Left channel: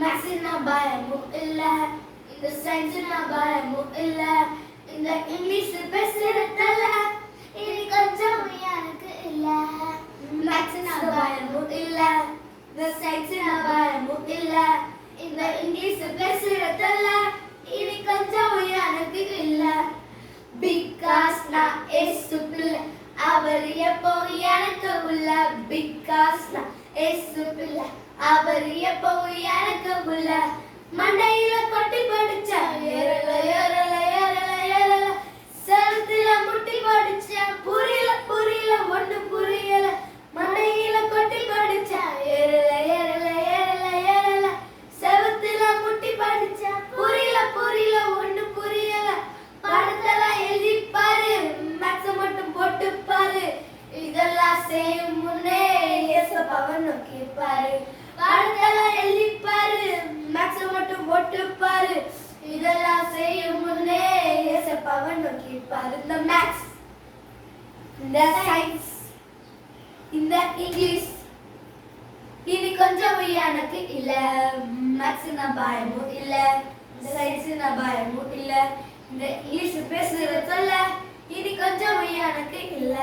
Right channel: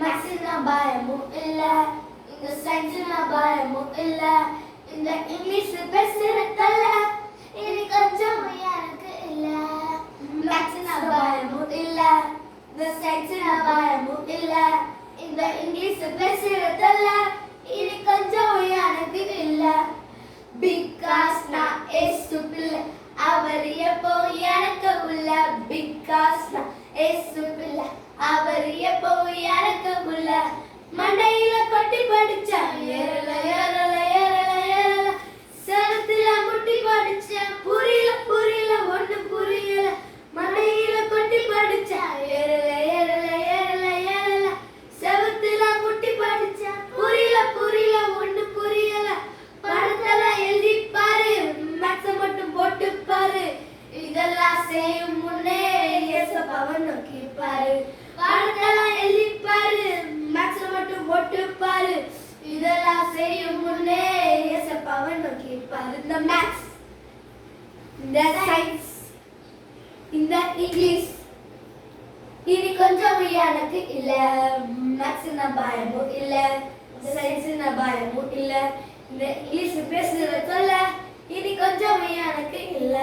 மேக்ஸ்னா பயமும் இல்ல, இந்த சயின்ஸ்னா பயமும் இல்ல, இந்த இங்கிலீஷ் பேசுறதல்ல இனி கொஞ்சம் எனக்கு இல்ல. மேக்ஸ்னா பயமும் இல்ல, இந்த சயின்ஸ்னா பயமும் இல்ல, இந்த இங்கிலீஷ் பேசுறதல்ல இனி கொஞ்சம் எனக்கு இல்ல. பிகாஸ் நான் ஏசு பிள்ளை, அவர் எப்போ எனக்கு உள்ள. பிகாஸ் நான் ஏசு பிள்ளை, அவர் எப்போ எனக்கு உள்ள. மண்டையில கொட்டி படிச்ச ஏறல ஏறல ஏறல ஏறல, செவத்துல முட்டி படிச்ச புரியல புரியல ஒண்ணு புரியல. மண்டையில கொட்டி படிச்ச ஏறல ஏறல ஏறல ஏறல, செவத்துல முட்டி படிச்ச புரியல புரியல ஒண்ணு புரியல. படத்துல எழுதி பாரு, மேக்ஸ் மட்டும் போட்டு பாரு, இதெல்லாம் செய்யும் முன்னே ஏசப்பாவை நோக்கி பாரு. படத்துல எழுதி பாரு, மேக்ஸ் மட்டும் போட்டு பாரு, இதெல்லாம் செய்யும் முன்னே ஏசப்பாவை நோக்கி பாரு. இந்த மேக்ஸ், இந்த சயின்ஸ், இந்த இங்கிலீஷ் இனி கொஞ்சம் எனக்கு இல்ல. மேக்ஸ்னா பயமும் இல்ல, சயின்ஸ்னா பயமும் இல்ல, இந்த இங்கிலீஷ் பேசுறதல்ல இனி கொஞ்சம் எனக்கு இல்ல.